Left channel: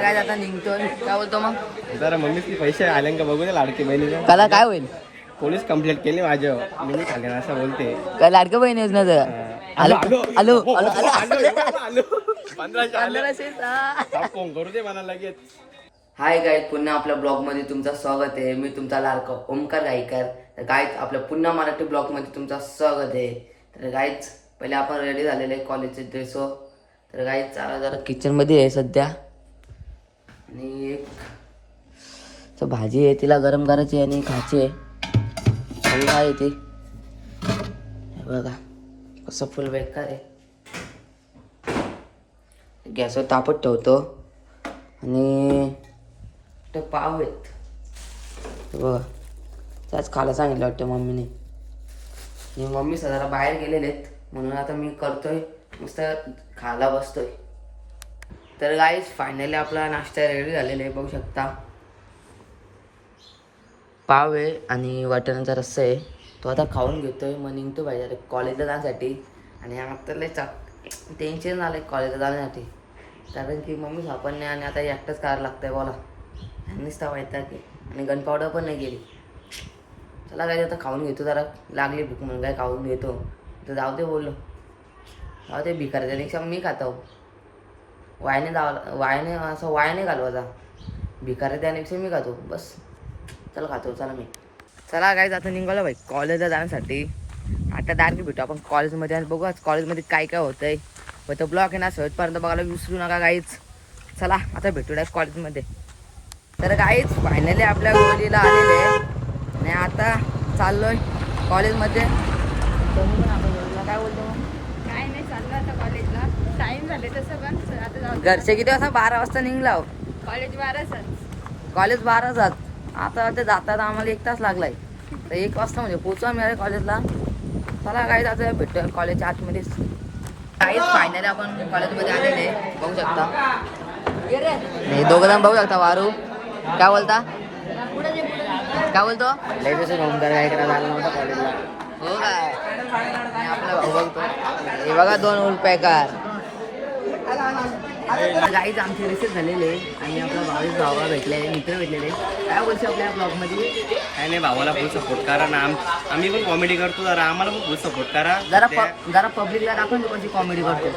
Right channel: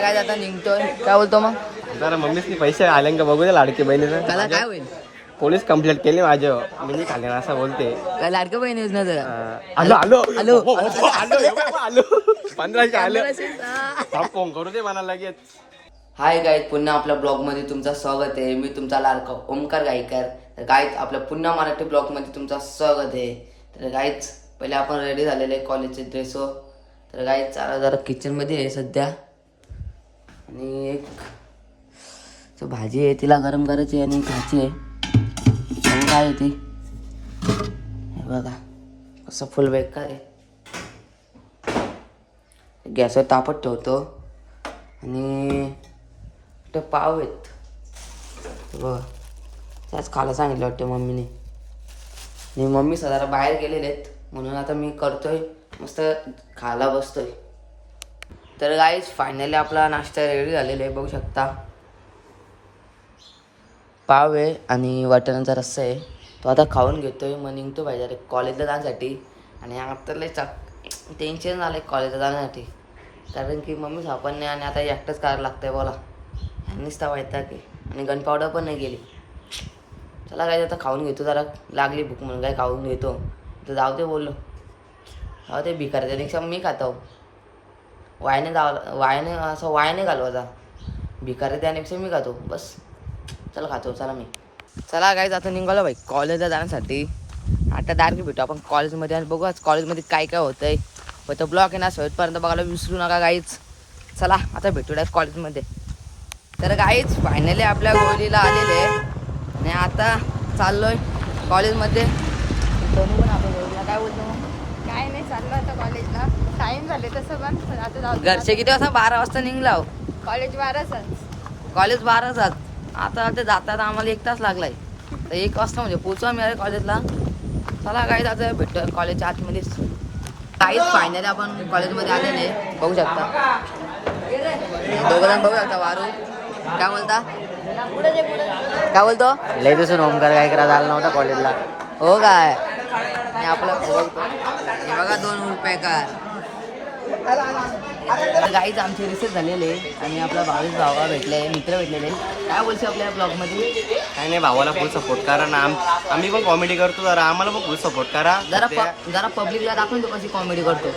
काय आता निघतोय काय बोलतो मग जरा मम्मीसनी पैसे आले का बघू दे लाडकी बहिणीचं. त्याला काय होईल पोलीस कंप्लेंट केली माझ्या मी नाही खाले असं बोलते. काय लाडकं बहीण योजना जरा आलो आलो आलो आलो 1500 आले फोन करू दे मला लगेच. हाय गाईज, पुन्हा आपल्या ब्लॉगमध्ये तुमचं स्वागत आहे. मी तुमचा लाडका ओमकार गायकर. तर गाईज आपल्या पुन्हा मराठी ब्लॉगमध्ये तुमचं स्वागत आहे. तर गाईज पहिले आपण रेडी झालेले आहे कॉलेजचे ड्रेसवर. तर गाईज जरा किचनमध्ये आहे सध्या आणि एक भाजी आहे तिला गरम करायची आणि खायची आहे. आणि काय आहे ती बघा कसं फुल बेकार आहे. गॅसवर तापत ठेवतो आणि ते पाव आहेत बघा त्याच खायला सांगितलं वाटतं मम्मीने. आणि मम्मी सध्याला बाहेर गेलेले आहेत म्हणून आता मी करतोय मस्त खायला बसतोय. तर गाईज फायनली आपला नाश्ता रेडी झालेला आहे बघू शकता. पाव आहे आणि वाटाण्याचा रस्सा आहे. तो आता खाऊन घेतोय मग निघतो पाहिजे अरे कॉलेजला जाण्यासाठी. आणि आता लय टेन्शन झालं आहे कॉलेजला जाण्यासाठी कारण की मम्मी सापड नाही आणि आता एकटंच करायला लागतं आहे बोला. ह्यांनीच तर व्हायचा की आणि गन पावडर पण नाही गेली. चला काय आता खाऊन घेतो जरा लागली भूक म्हणून काय खाऊन घेतो. तर जाऊ दे बोललो जाऊ दे भिकार त्यापेक्षा मी खातो वायने वायने घालवायचा भिकार त्यापेक्षा मी खातो बस. चला खातो चला मी चला काय आता निघालो भाई कॉलेजला जाण्यासाठी. आता डायरेक्ट भेटू आपण कॉलेजमध्ये आणि बघू आज कॉलेजमध्ये काय काय होतं आहे. पण तो ब्लॉग आहे ना शेवटपर्यंत बघायला विसरू नका गाईच. चला आता भेटू डायरेक्ट कॉलेजमध्ये. तर गाईच फायनली आपल्या गोलीला आलेले आहे आणि आता चाललोय कॉलेजमध्ये. तुम्ही पण आपल्या गोलीला काय बोलतो मग काय नाही चाललं आता कॉलेजला टाइम झाले तसं पण आता जाऊ. घरचे किती वाजता 12 वाजता निघला हो. कॉलेज 12च. कॉलेज 12 आता ते जातात आम्हाला 1 तास लागलाय. तर 1 वाजता म्हणजे पोचू आम्ही अरे कॉलेजला. चला काय आता भेटतो कॉलेजच्या आतमध्येच. काहीच फायनली आपण कॉलेजमध्ये आलेले बघू शकता. दोघं जण बघू शकता. वारू काय बोलता काय बोलतो लय दिसून ओमकार काय करा झाला नव्हता कॉलेजला हो काय. आणि आपला हे बघा 2 उलपॅकर गाईच आमचे रिसेस झालेले आणि आपला भावेश भावा भेटले मित्र भेटलेले. काय बोलतो आपल्या ब्लॉगमध्ये काय नाही भावाला फुल सपोर्ट करा ना. आम्ही पण कॉमेडी करतो जरा आम्हाला पण फुल सपोर्ट करा. जरा पब्लिकला दाखवून तू कशी कॉमेडी करतो.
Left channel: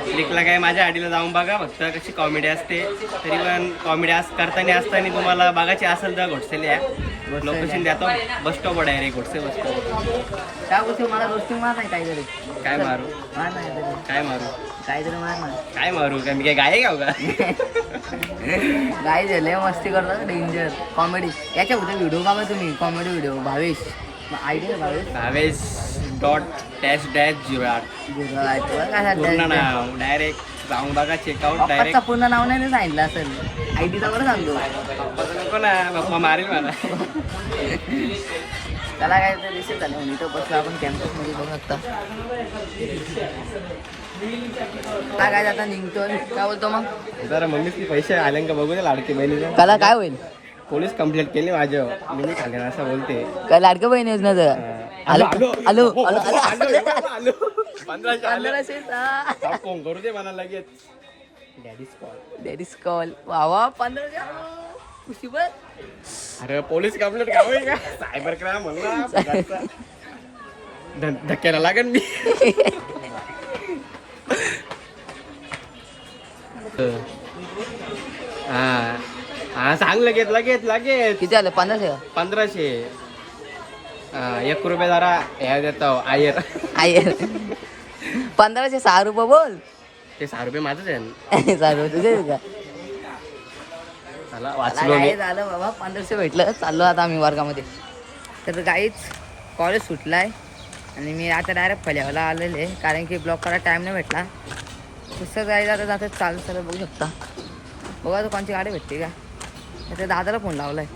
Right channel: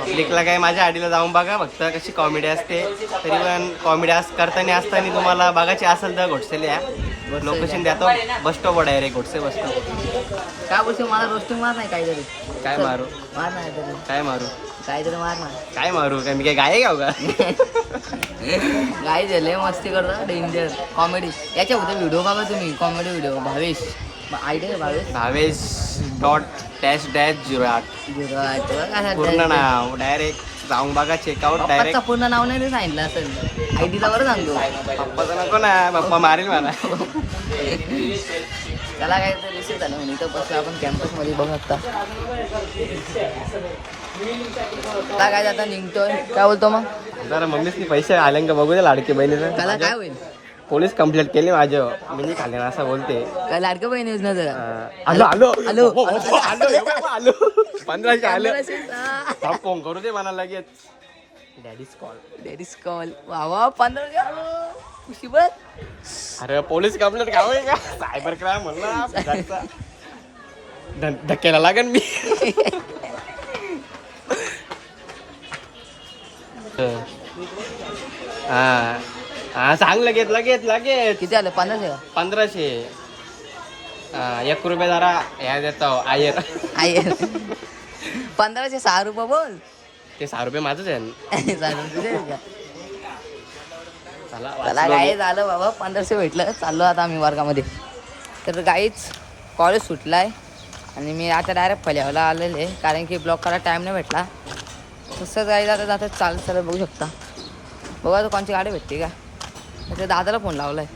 पब्लिकला काय माझ्या आडीला जाऊन बघा फक्त कशी कॉमेडी असते. तरी पण कॉमेडी करताना तुम्हाला बघायची असेल तर घोटसेल या लोकेशन देतो. बस स्टॉप डायरेक्ट घोटसे बस स्टॉप. काय बोलतो मला रोस्टिंग मार नाही काहीतरी काय मारू मार नाही तरी काय मारू काहीतरी मार ना काय मारू काय मी काय गाय गाव का गाई झाले मस्ती करतो डेंजर कॉमेडी. याच्या होते व्हिडिओ बघा तुम्ही comedy video. Bhavesh idea Bhavesh .-08 पूर्ण नाव डायरेक्ट जाऊन बघा चेकआउट. पप्पाचं पूर्ण नाव नाही सांगितलं असेल आयडीचा बरं सांगतो. पप्पाचं नको ना पप्पा मारेल मला. त्याला काय तर रिसिव्ह झालं म्हणून इथं बसलो आपण कॅम्पसमध्ये बघू शकता. काय आता निघतोय काय बोलतो मग जरा मम्मीसनी पैसे आले का बघू दे लाडकी बहिणीचं. त्याला काय होईल पोलीस कंप्लेंट केली माझ्या मी नाही खाले असं बोलते. काय लाडकं बहीण योजना जरा आलो आलो आलो आलो 1500 आले फोन करू दे मला लगेच. डॅडीज कॉल वा 15 खुशी बघ. अरे पोलीस कंप्लेंट का होईल का सायबर क्राईम म्हणला धक्क्याला लागेल मी. हा सांग लगेच लगेच लगेच. किती आलं 1500 1 रुपये जरा ह्या देतो आयर. 1500 6 रुपये बोल. ते 6 रुपये माझंच आहे. 6 रुपये तुझे का चला काय झालं बाबा 1500 भेटलं. चाललो आता आम्ही वर्गामध्ये. तर गाईच कॉलेज सुटलाय आणि मी आता डायरेक्ट फल्यावला आलेले कारण की ब्लॉक करायला टाईम नाही भेटला. तसं जायचं आता जातं चालत बघू शकता. बघा तर कोणची गाडी भेटते का त्या दादाला फोन लावलाय.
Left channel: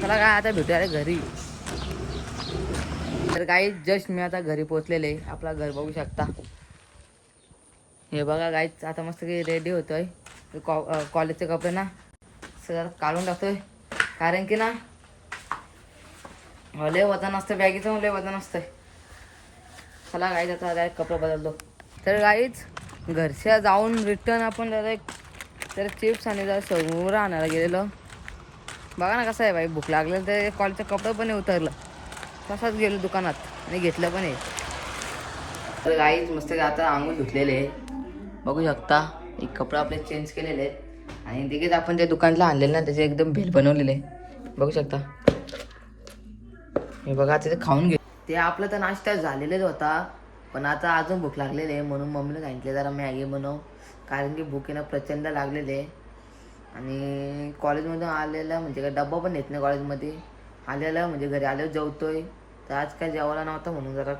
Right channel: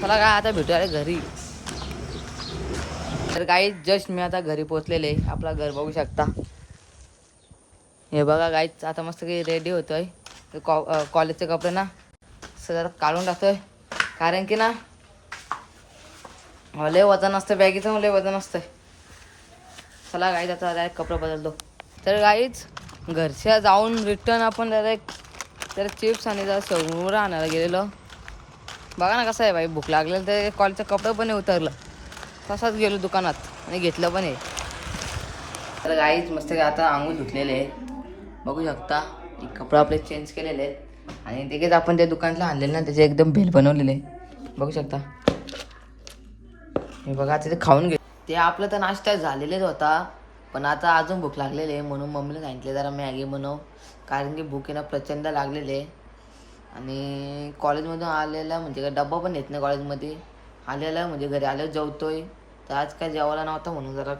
चला काय आता भेटूया घरी. तर गाईच जस्ट मी आता घरी पोचलेले. आपला घर बघू शकता. हे बघा गाईच आता मस्त काही रेडी होतोय. कॉलेजचे कपडे ना सगळं काढून टाकतोय कारण की ना लय वजन असतं बॅगीचं लय वजन असतंय. चला गाईच आता डायरेक्ट कपडे बदलतो. तर गाईच घरच्या जाऊन रिटर्न आपण डायरेक्ट तर चिप्स आणि जरा समोर आणायला गेलेलो. बघा ना कसं आहे बाई, भूक लागलेलं तर कॉलेजचं कपडं पण नाही उतरलं. तसाच गेलो दुकानात आणि घेतलं पण आहे. तर गाईच मस्त आता आंघोळ धुतलेले आहेत, बघू शकता. एक कपडे आपले चेंज केलेले आहेत आणि तिघेच आपण त्या दुकानला आणलेलं ना, त्याचे एकदम भेल बनवलेले बघू शकता. हे बघा तिथे खाऊन घे. ते आपलं तर नाश्ता झालेलाच होता, पण आता अजून भूक लागलेली आहे म्हणून मम्मीला सांगितले जरा मॅगी बनव, कारण की भूक ना प्रचंड लागलेले. आणि कॉलेजमधून आलेला म्हणजे काय डब्बा पण येत नाही कॉलेजमध्ये, आलेला म्हणजे घरी आल्यावर जेवतोय. तर आज काय जेवायला नव्हतं म्हणून जरा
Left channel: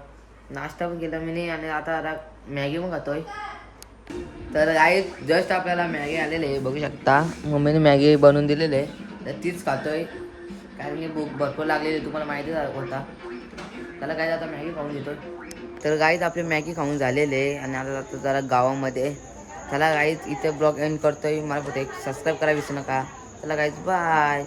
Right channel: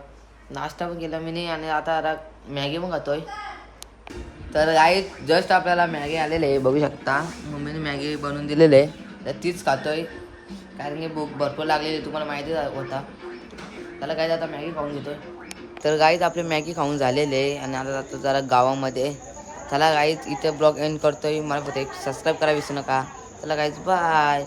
नाश्ता पण केला मी नाही आणि आता जरा मॅगी पण खातोय. तर आई जस्ट आपल्याला मॅगी आलेले आहे, बघू शकता. मम्मीने मॅगी बनवून दिलेली आहे तर तीच खातोय, कारण की भूक भरपूर लागलेली तुम्हाला माहिती होता. त्याला काय आता मॅगी खाऊन घेतोय. तर गाईज आपले मॅगी खाऊन झालेले आणि आता जातो जरा गावामध्ये. त्याला गाईज इथे ब्लॉग एंड करतोय. मला फक्त एक सबस्क्राईब करा विसरू नका. त्याला गाईज बाय.